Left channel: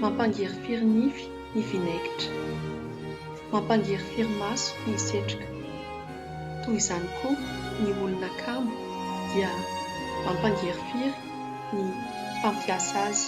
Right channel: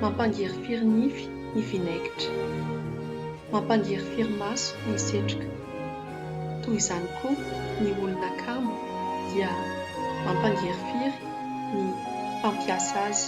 Mampangerifiry nify ny vinaigitra. Mampangerifiry maso ny setroka. Toy izany koa ny olona kamo dia mampangerifiry ny mpampiasa azy.